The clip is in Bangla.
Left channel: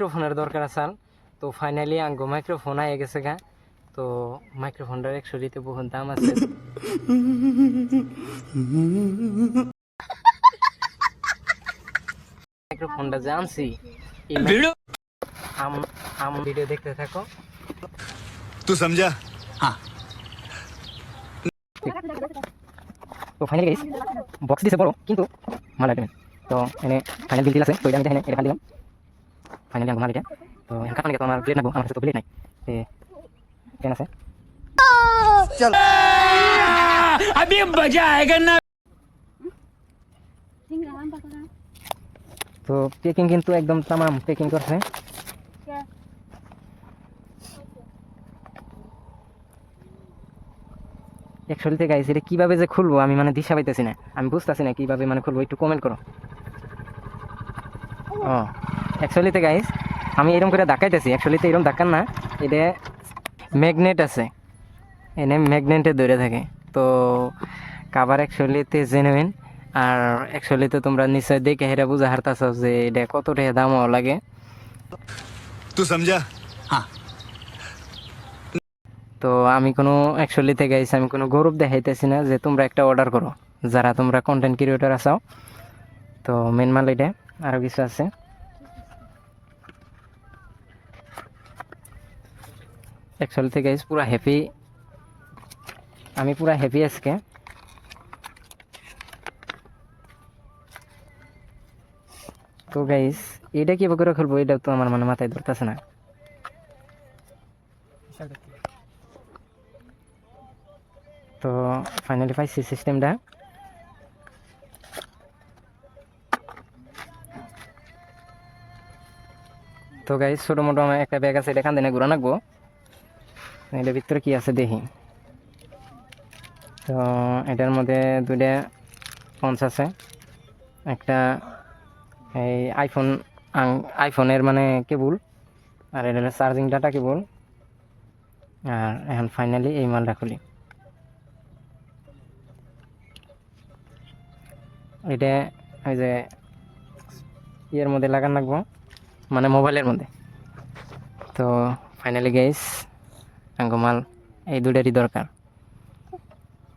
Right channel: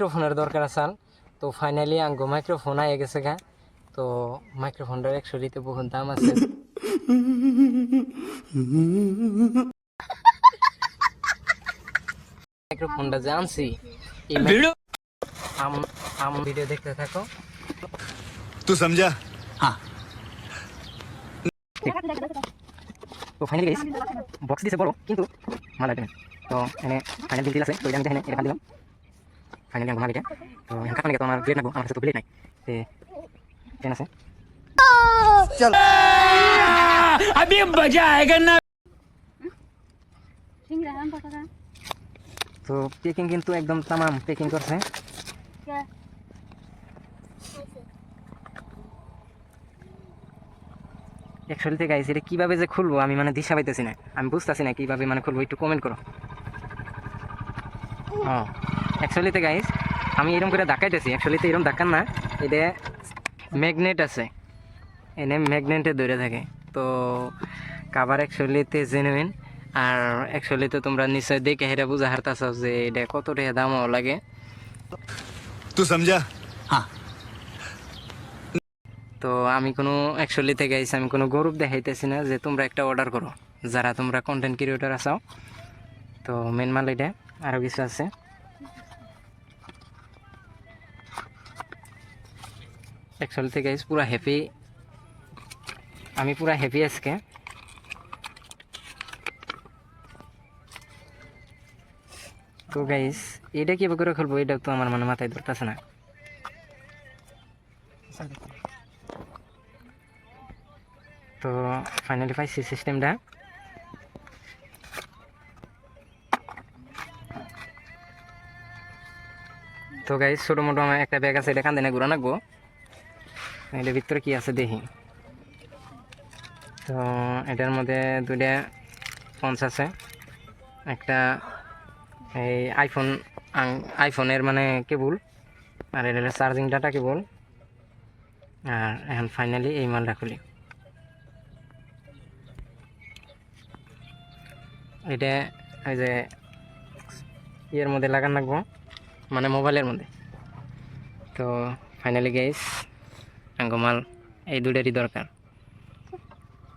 মাইক্রোফোনের দরকার আছে তো ফাইনালি আঙ্গু মাইক্রোফোন আয়ে গেছে গা। তো মাইক্রোফোনটার একশো দিতে বহু দাম আছে। মাইক্রোফোনটা যে আনছি আম ভিডিও দেখতে থাকো। তো সমঝা হ্যাঁ তো ফাইনালি বক্স দিছে বড় কিন্তু ভালো লাগে তো এনে ফাইনাল দিল আছে তো এটা আমি এখানে এটা দিলাম ফাইনালি আমি মালিটা তো এখানে কারণে তো আমার ব্লেড নেবো আমার কাছে তো ব্লেড নাই তে কেন আছে अभी मजा आएगा ना তো পেকিং কিন্তু একদম তামাম পেকিং করছে অ্যাকচুয়ালি গাইস এটা কিভাবে যে খুলবো আমি মানে দিশা পাইতেছি না আমি বুঝতেছি না কিভাবে মানে খুলবো একটু কমেন্ট করো ও অ্যাকচুয়ালিতে গাইস আমি এরকম করে দেখাইতেছি অ্যাকচুয়ালিতে এরকম দেখান না। এটা ম্যাগনেট আছে। এনে ম্যাগনেটে ধরে থাকে। তো কাবার অ্যাকচুয়ালিতে জেনুইন আর অ্যাকচুয়ালিতে তোমরা নিশ্চয় দেখে হেরা বুঝা হারতাছ যে এটা কতটা দাম লাগে। তো সমঝা? হ্যাঁ। তো আমি কোনো অ্যাকচুয়ালিতে গাইছি আমি কোনো গৌরব দেখাইতেছি না যে তোমরা একটা অর্ডার করো। যারা তোমরা কন্টেন্ট ক্রিয়েটার আসাও তো মেন মাল এটা আরও কিছু আছে। অ্যাকচুয়ালি থেকে গাইস পুরো হ্যাপি আমি পুরো হ্যাপি আজকে। তো গাইজ এটা কীভাবে করে খেলব? এটা তো আমার মানে মাথায় ধরতেছে না। তো ফাইনালি পাইছি সিস্টেমটা তো গাই ছোটো মোটো আমার একটা ব্যাগ আছে, এটা কান্দে না ঘুরা নাকবো এটার ভিতরে কি আছে দেখি। তো এটার মধ্যে দুইটা ফোনস আছে। একটা এই আইফোন আইফোনের মানে কেবল, আর এটা চার্জিং ডাটা কেবল। আর এখন ফাইনালি এই মালটা খুলি। এটা ওই যে ইয়ের মধ্যে লাগান রাখব মানে মোবাইলের মধ্যে। তো ফাইনালি গাইস মাল এই দুটারই দরকার।